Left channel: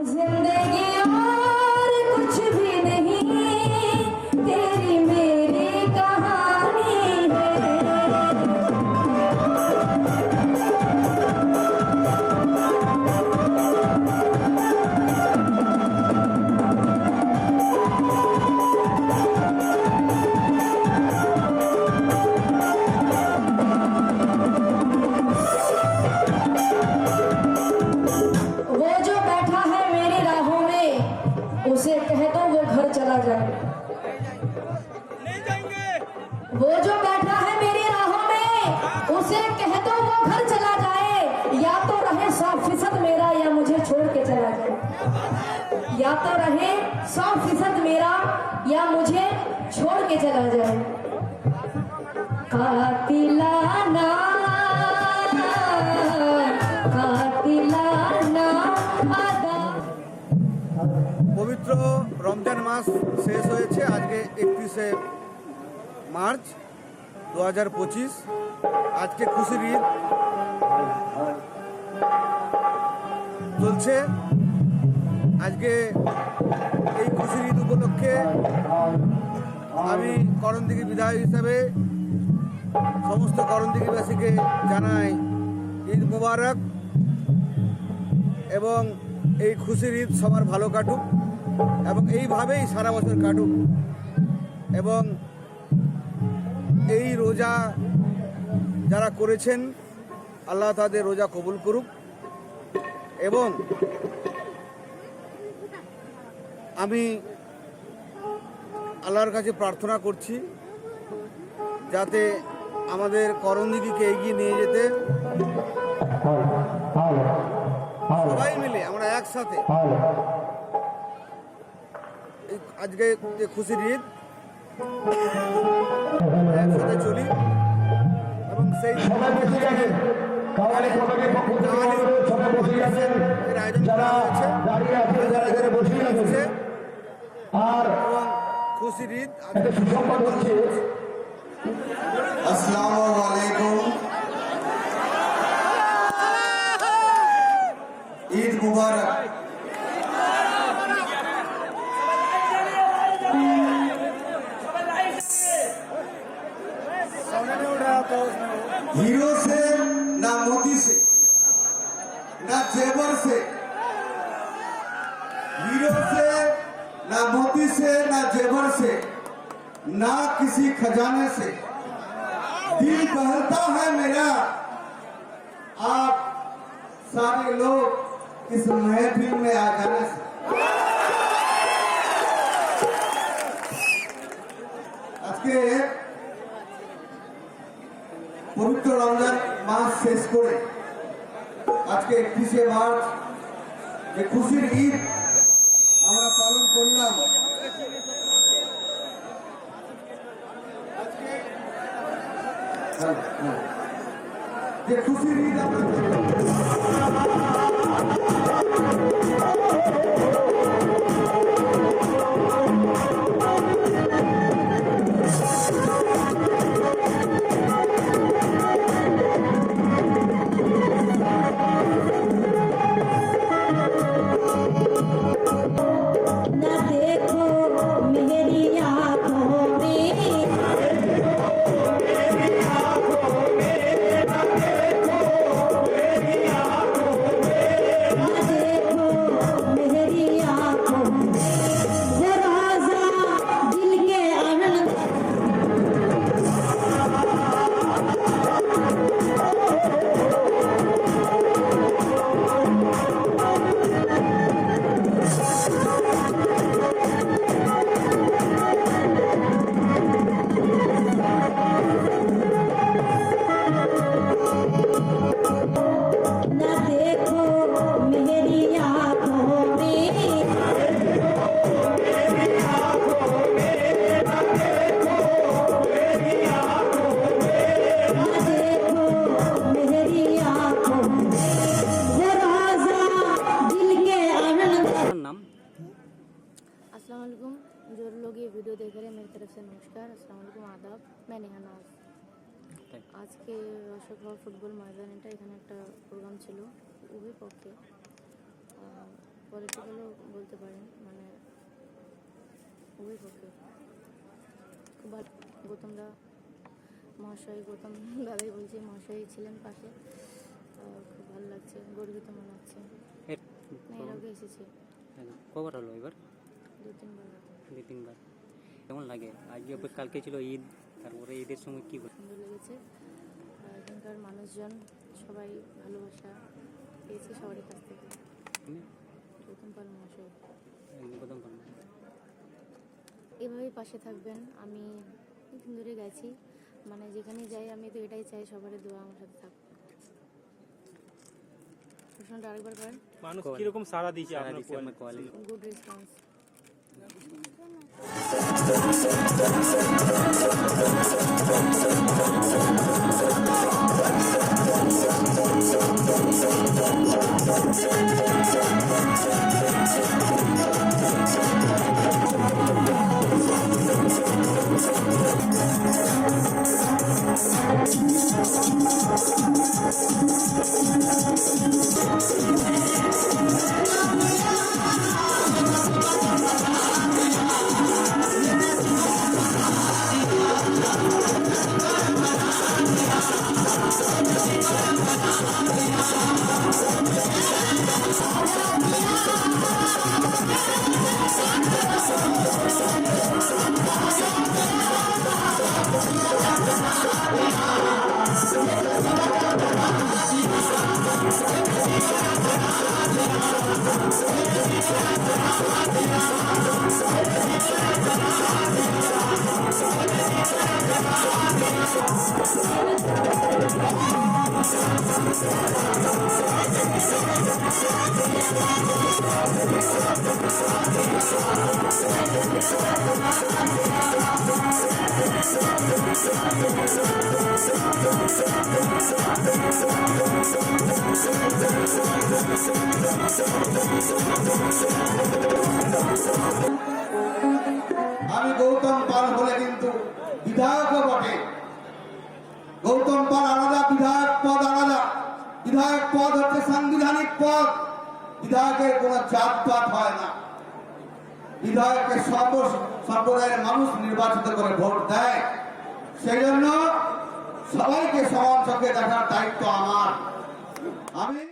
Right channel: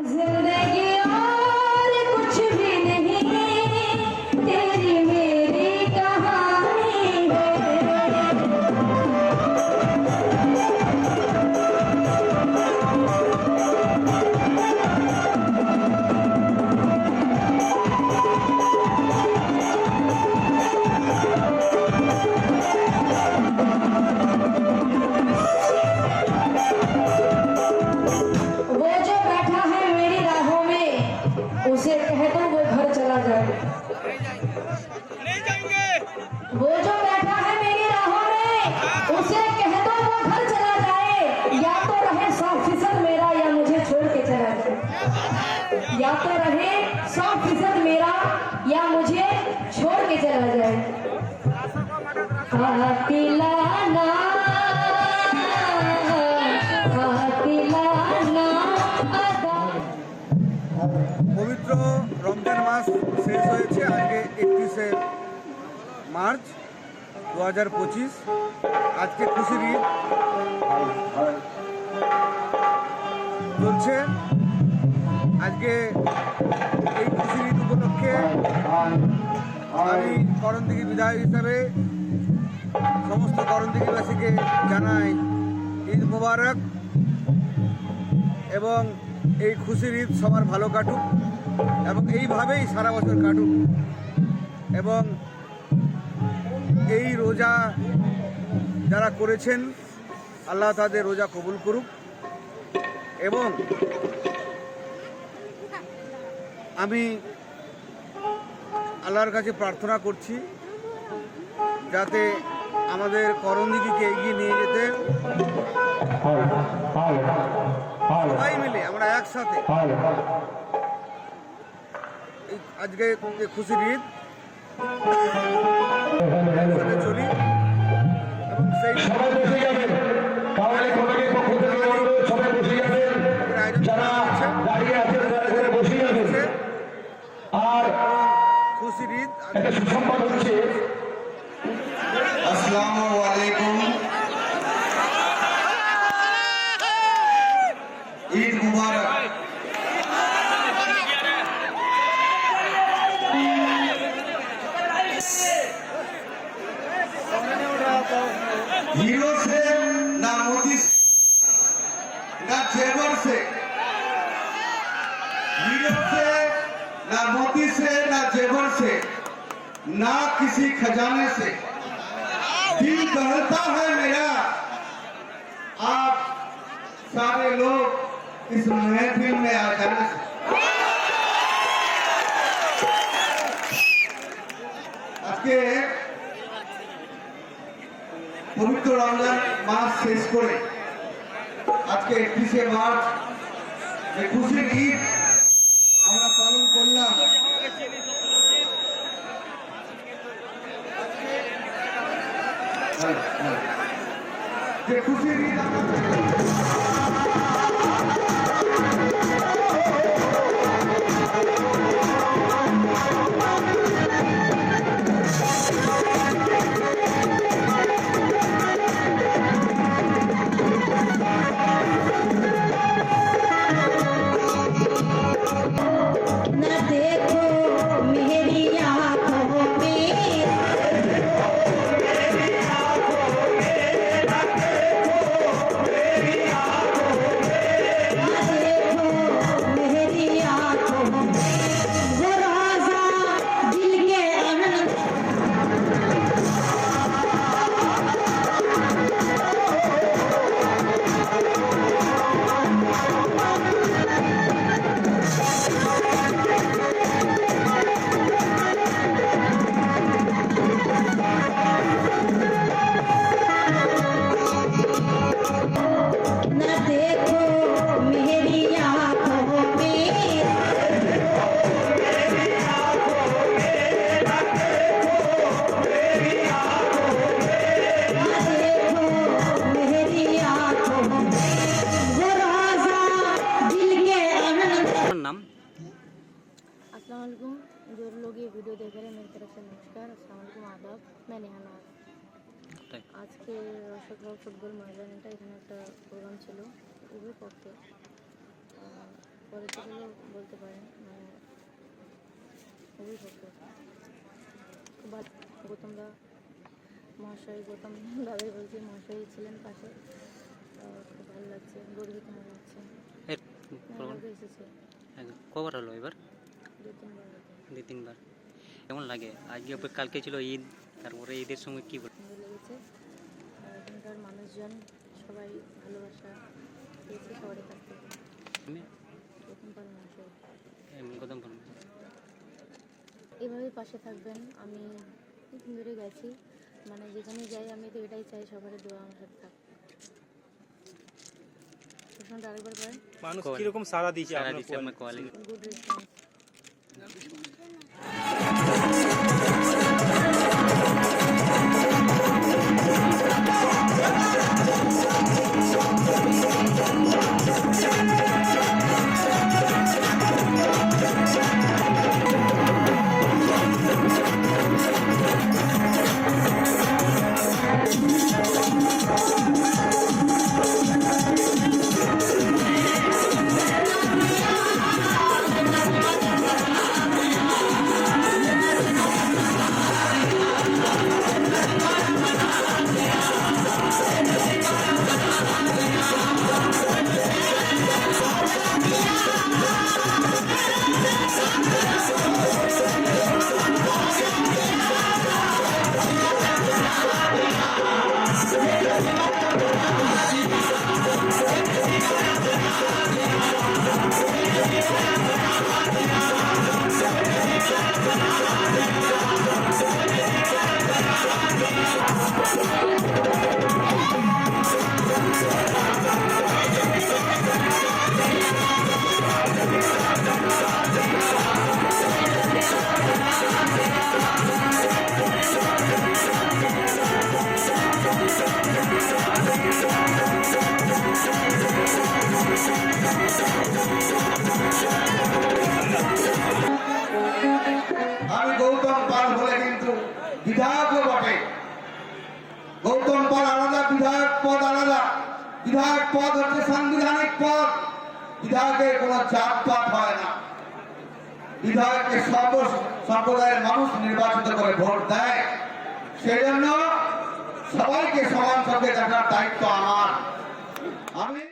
जिंदगी और कुछ भी नहीं, तेरी मेरी कहानी है। वो जो बैठा है मेरी राहों में, उसे कह दो वो घर चला जाए। नहीं जाएंगे। वो जो बैठा है मेरी राहों में, उसे कह दो वो घर चला जाए। या तो रहे 100% मेरा, या मुझे छोड़ के चला जाए। या तो रहे 100% मेरा, या मुझे छोड़ के चला जाए। कातिलाना कातिलाना अदा। পবিত্র রমজান মাস শেষ হয়েছে আজকে 31শে মার্চ 2025। আজকে খুশির ঈদ চলছে। আজকে এই খুশির ঈদ উপলক্ষে আমি করণদিঘি বিধায়ক হিসাবে সমস্ত করণদিঘিবাসীকে জানাই ঈদ মোবারক, এবং এই খুশির ঈদ সবার ভালো কাটুক এবং এইভাবেই সারা বছর কাটুক, এবং এই রোজা যারা করেছেন আল্লাহ তাদের রোজা কবুল করুক। এবং আমি আল্লাহর কাছে প্রার্থনা করছি যাতে আমাদের করণদিঘিকে এগিয়ে নিয়ে যেতে সবাই মিলে আমরা একসাথে আজকে যে খুশির ঈদ একসাথে চলি, এবং সেই আয়োজন করা হয়েছে এবং খুশির ঈদ अस्सलामु अलैकुम। ईद मुबारक। हीरो से ना मोदी से ना जेवर से, हीरो से ना मोदी से ना जेवर से, ना किसी खजाने से दिल कहता है मेरा आप सारे लोग इस महफिल में आ जाने से। আজকে পবিত্র রমজান মাস শেষ করে আজকে 31শে মার্চ যে খুশির ঈদ আমরা পালন করলাম, যে খুশির ঈদ আমরা न देखो मेरी आँखों में, अस्सलाम वालेकुम। जो लोग ये वीडियो देख रहे हैं मेरी तरफ से नमस्कार, अस्सलाम वालेकुम, आदाब। मैं नेहा नवाज। আজকে রসগোল্লা ফুটবল ময়দানটা এখানে একটা প্রোগ্রাম ছিল উভয় পক্ষে। পরিচয়গুলো বলতে পারেন, মানে অভিভাবক খুব ভালো। গৌতমদা মহাশয়, গৌতম দাদাই বলছি, মহাশয় ছিলেন পাশে। খুব ভালো লাগছে, গর্বিত মনে হচ্ছে। লোকে এসেছে কবার হলো এবার? 2-3 বার। 2-3 বার। কেমন লাগে? আজকে কালকে ছিল ঈদ, তারপরে ঈদের সময় কি বল? সুন্দর লেগেছে। আর এখানকার মানুষজন সবাই ভালোবাসা পেয়েছে সবার কাছ থেকে। গৌতম পাল মহাশয় গৌতম পাল এভাবেই পাশে থাকবেন। আমি দিন ধরে গেছি, মানে যেখানে যাই আমি তো এটাই চাই, সবার দোয়া আমার সাথে থাক। প্রশ্নটা আরেকবার করেন। মানুষ কিরকম সাড়া দিয়েছে আপনার কোয়ালিটি? Good response. আমি গৌতম পাল বলে কিন্তু বিধায়কও বটে। গৌতম পাল আলাদা, বিধায়ক পদ আলাদা। বিধায়ক পদ হচ্ছে সাংবিধানিক পদ। বিধায়কের কোন জাতপাত হয় না। বিধায়ককে সম্প্রদায়ের মানুষ নির্বাচিত করে ভোট দেয়। সেই জন্য সবাইকে সমান চোখে দেখার দায়িত্ব আমার। আমি